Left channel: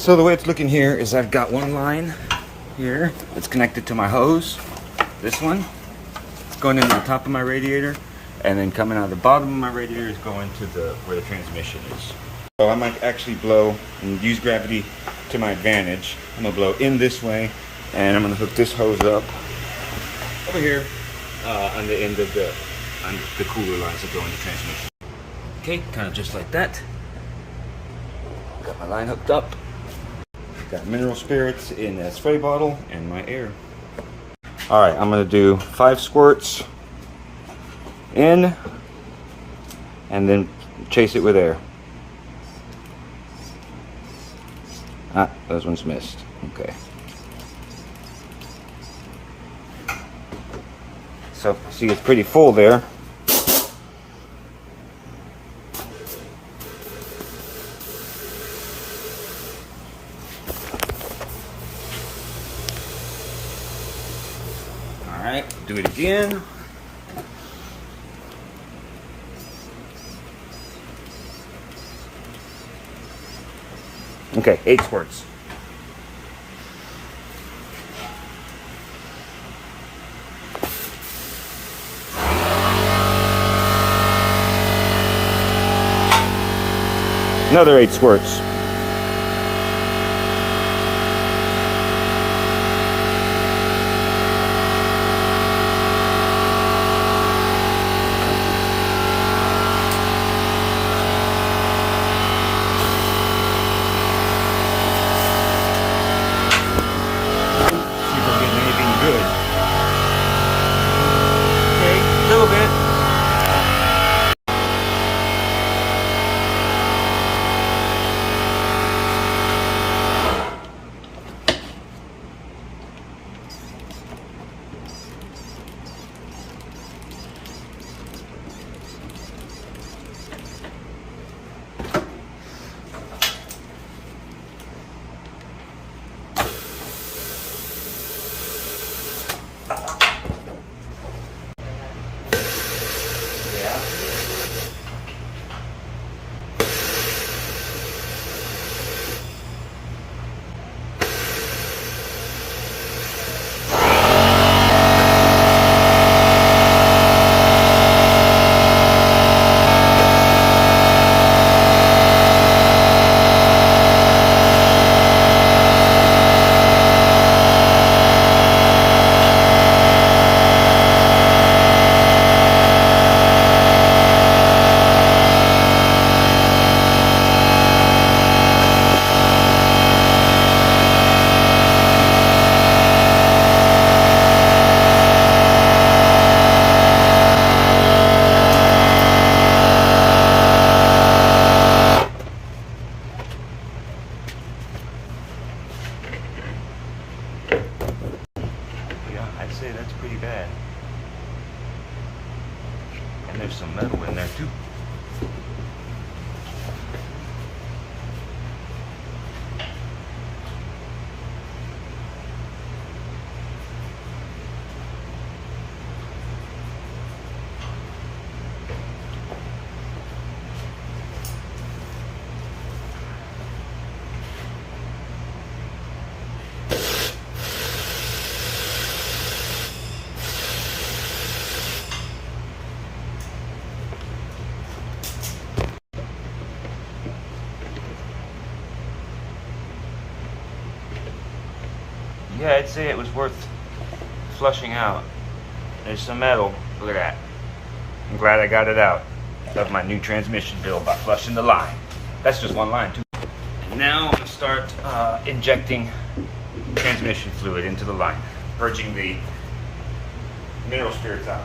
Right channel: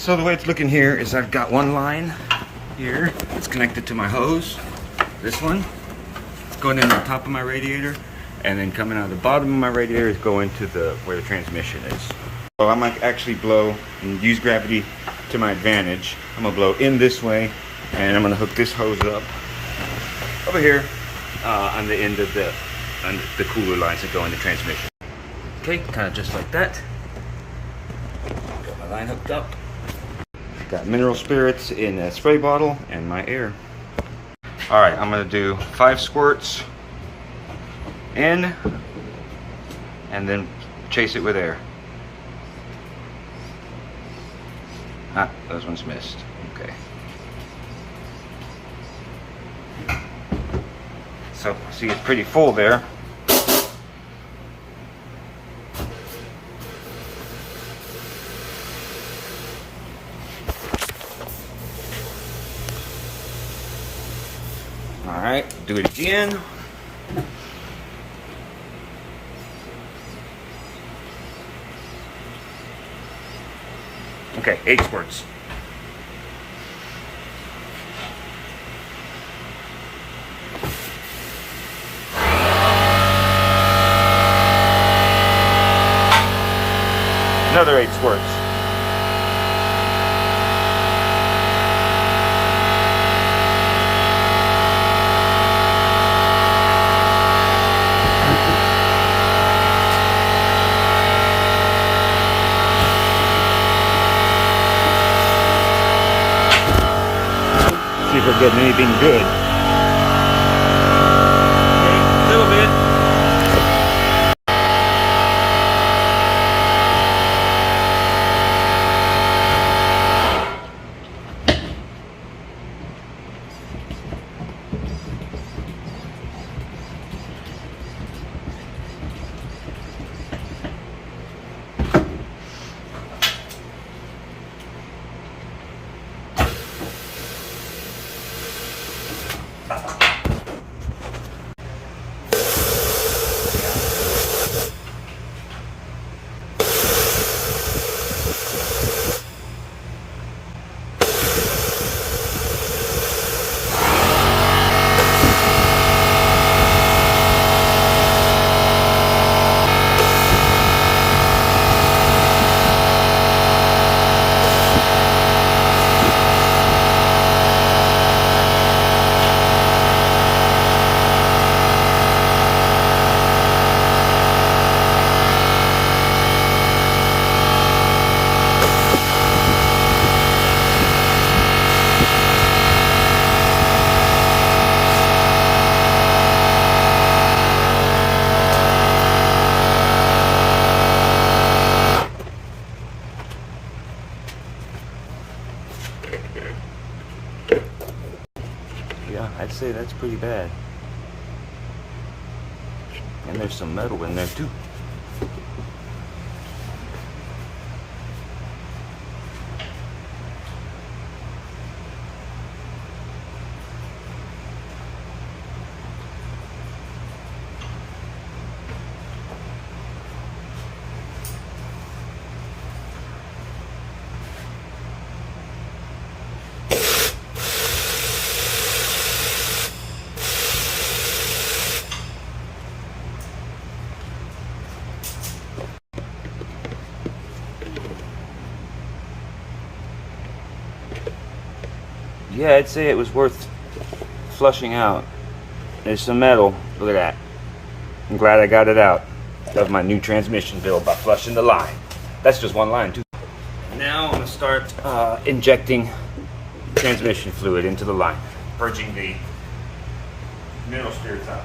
So the way it's looking here is I've got one line here. It's connected to my hose. This one. It's going in the top of my radiator, and then coming out of the bottom of my radiator is going to where the transmission is. So I might actually blow and use gravity to my advantage. I'm gonna blow in this way, and I'm gonna hook this hose up over here on the end of the cooler lines that go in the transmission. Okay, kind of just like that. Got my line hooked up. Got mineral spirits in a spray bottle and my air. All right, I'm gonna do 5 squirts in and then chase it with air. Ah, those ones missed. Okay. So, see, it's pretty full there. All right, do it again. Okay, 8 squirts. Another 8 squirts. See if I'm getting anything good. Okay, a little bit. I'd say that's pretty bad. And there's some metal in there too. Yeah, I'd say it was worth flushing out. There's some metal. Look at that. I'm glad I got it out. Got my new transmission bill by flushing the line. That's just one line too. Now I'm gonna start injecting transmission fluid into the line, purging the mineral spirits out.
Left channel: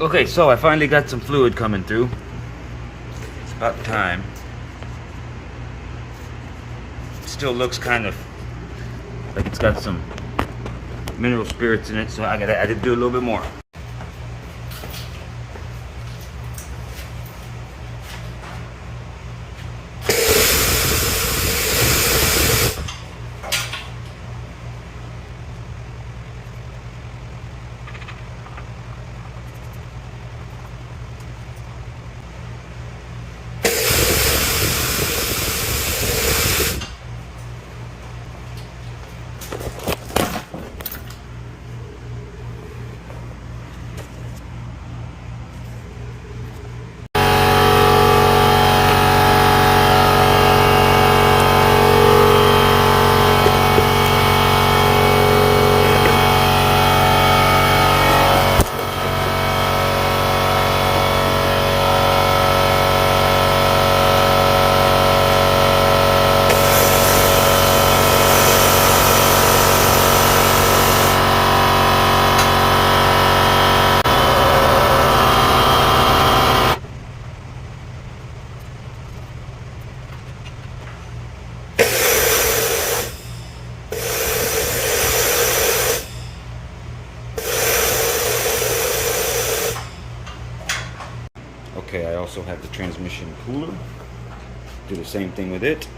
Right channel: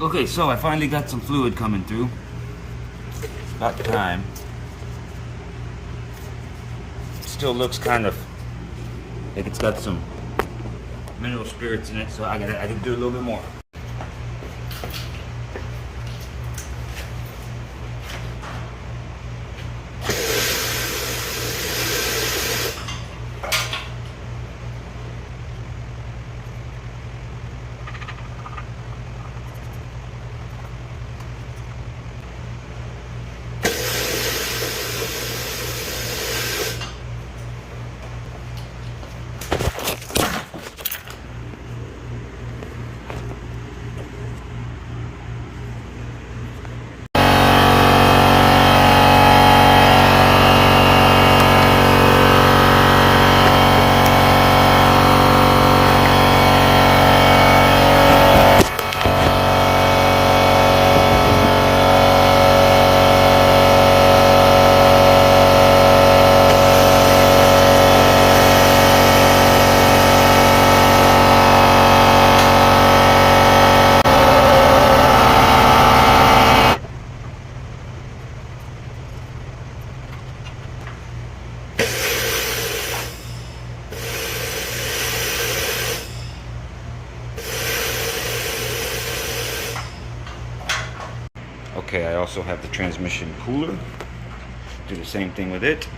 Okay, so I finally got some fluid coming through. It's about time. It still looks kind of like it's got some mineral spirits in it, so I did do a little bit more. Okay, I also have the transmission cooler. Do the same thing with it.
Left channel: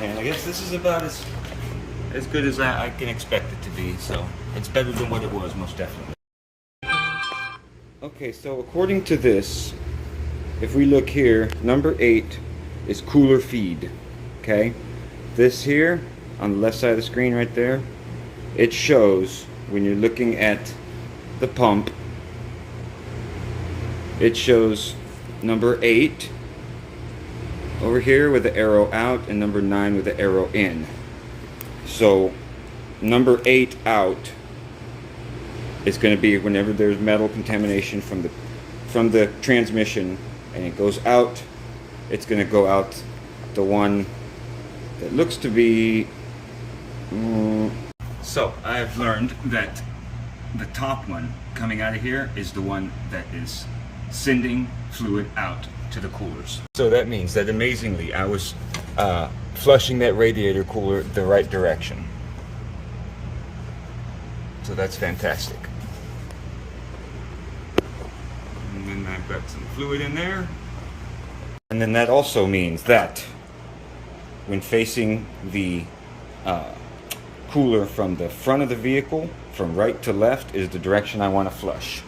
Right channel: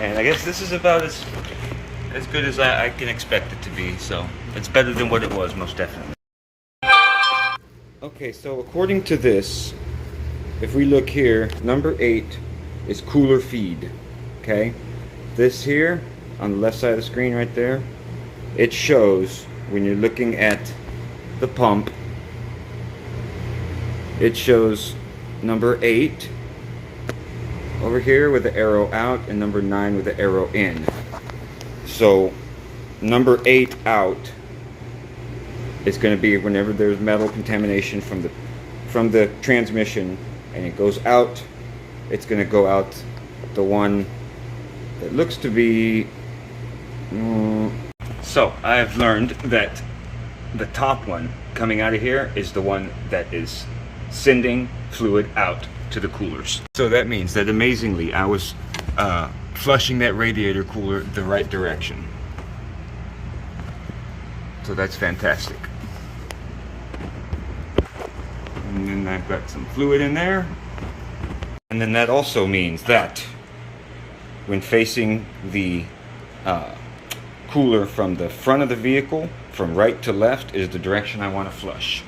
And I guess this is about as good as I can expect it to be, so it's better than what it was, most definitely. Okay, so according to this, if we look here, number 8 is cooler feed, okay? This here, on the left side of the screen right there, it shows, when you're looking at the pump, it shows number 8 over here with the arrow out and number 9 with the arrow in. So number 8 out is going to be whenever there's metal contamination from the transmission and it goes out, it's going to go out the one that looks to be so I've learned that the top one coming out of here is the one that is sending fluid out to the coolers. So that means that amazingly I was flushing that radiator cooler the right direction. So that's fantastic. And then I've got some fluid in there. And then that also means that when facing the cooler from the front of the vehicle, from right to left is the direction I want to flush.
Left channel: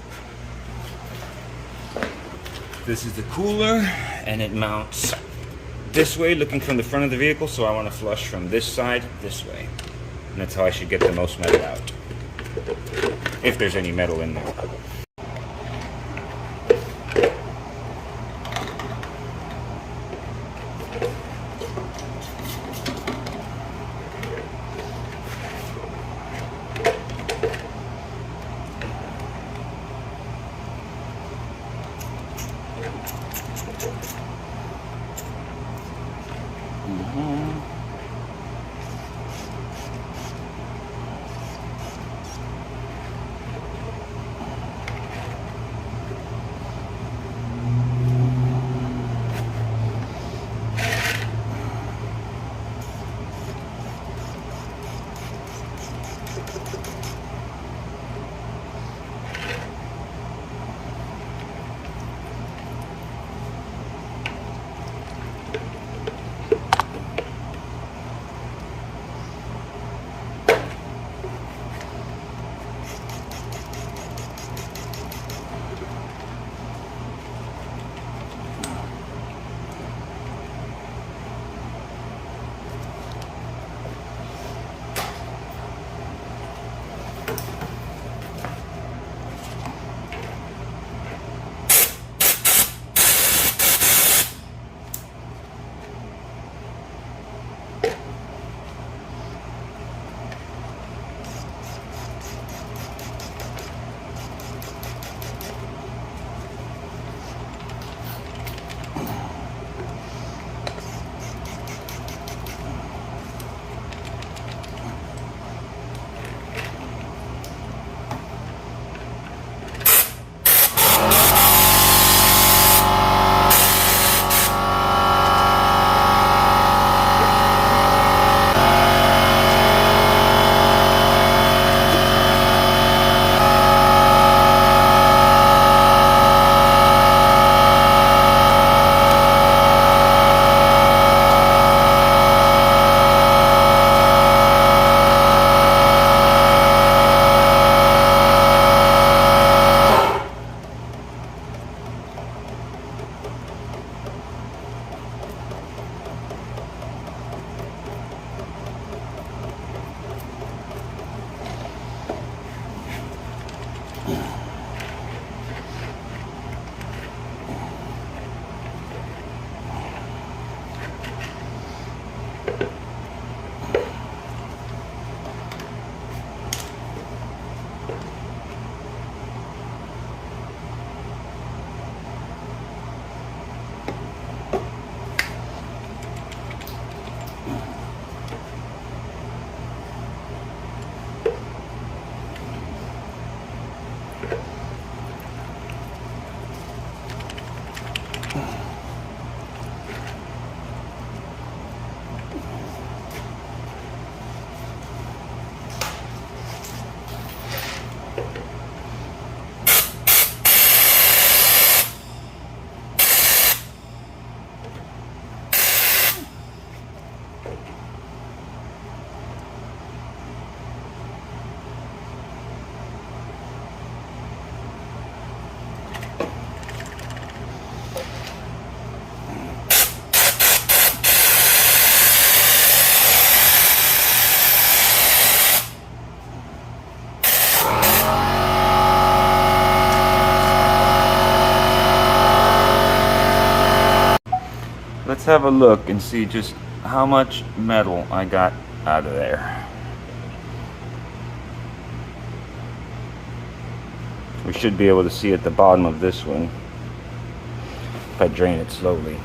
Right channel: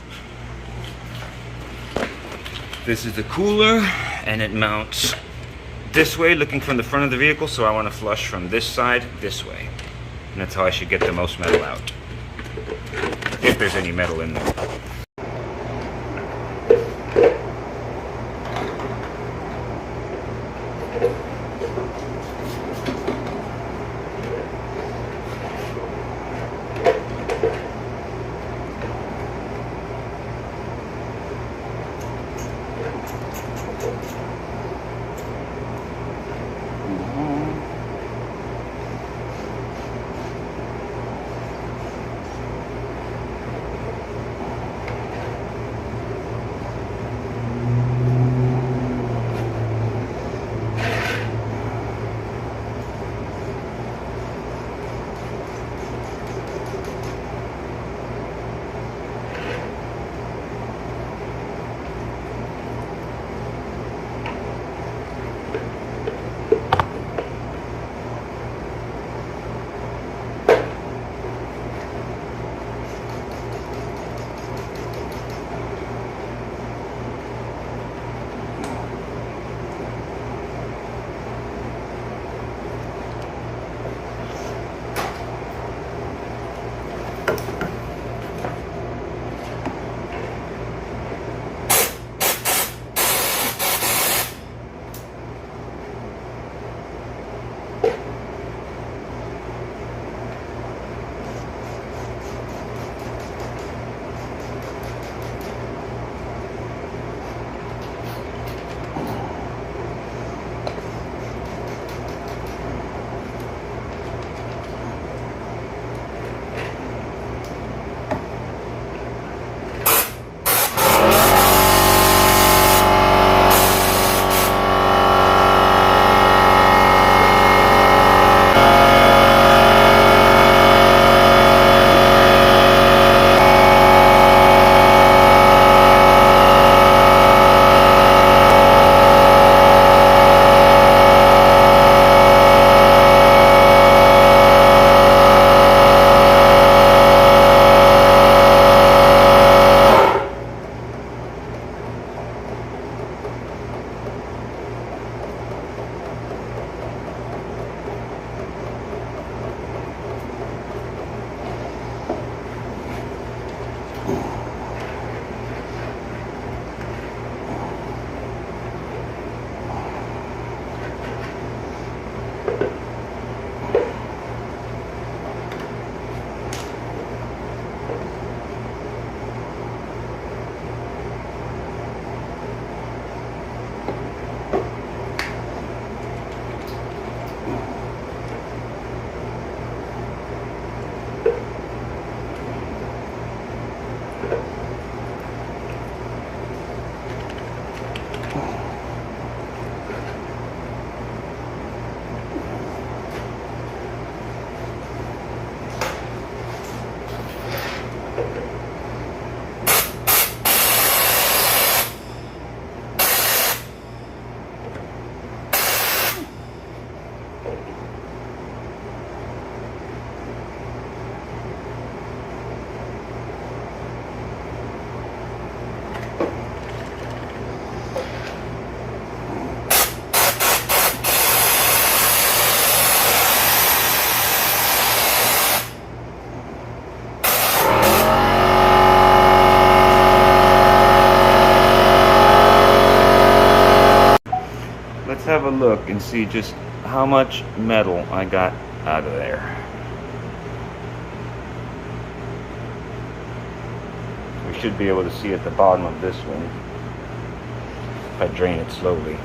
This is the cooler, and it mounts this way, looking from the front of the vehicle, so I want to flush from this side this way. And that's how I should get the most metal out, if there's any metal in there. have a look and see just how much metal I got out of there. We should be able to see at the bottom of this one if I drain it slowly.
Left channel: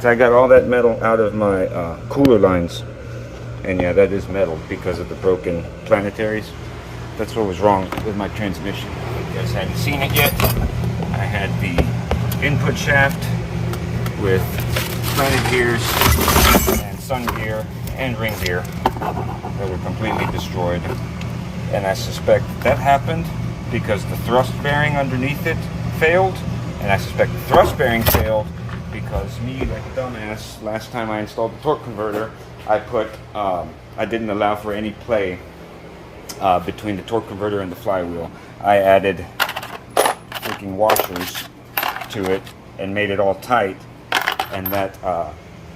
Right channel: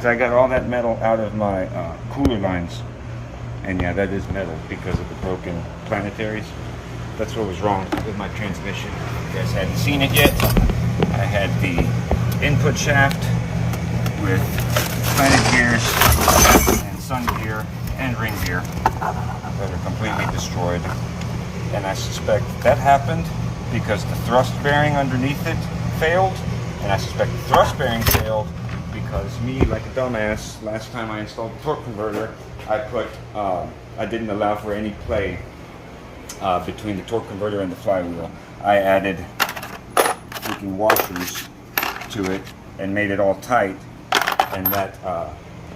So I got all that metal out of my cooler lines, and yeah, that is metal because of the broken planetaries. That's what was wrong with my transmission. You guys hadn't seen it yet. I had the input shaft with planet gears and sun gear and ring gear that are completely destroyed, and I suspect that happened because the thrust bearing underneath it failed, and I suspect the thrust bearing failed because me, like a dumbass, last time I installed the torque converter, I didn't allow for any play between the torque converter and the flywheel. I added freaking washers to it and made it all tight, and that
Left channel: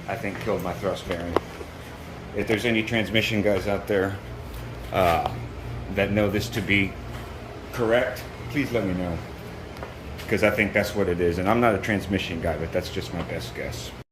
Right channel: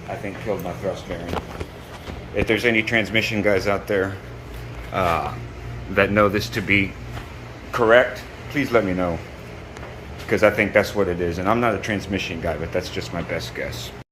I think killed my thrust bearing. If there's any transmission guys out there that know this to be correct, please let me know, because I think that's what it is. And I'm not a transmission guy, but that's just my best guess.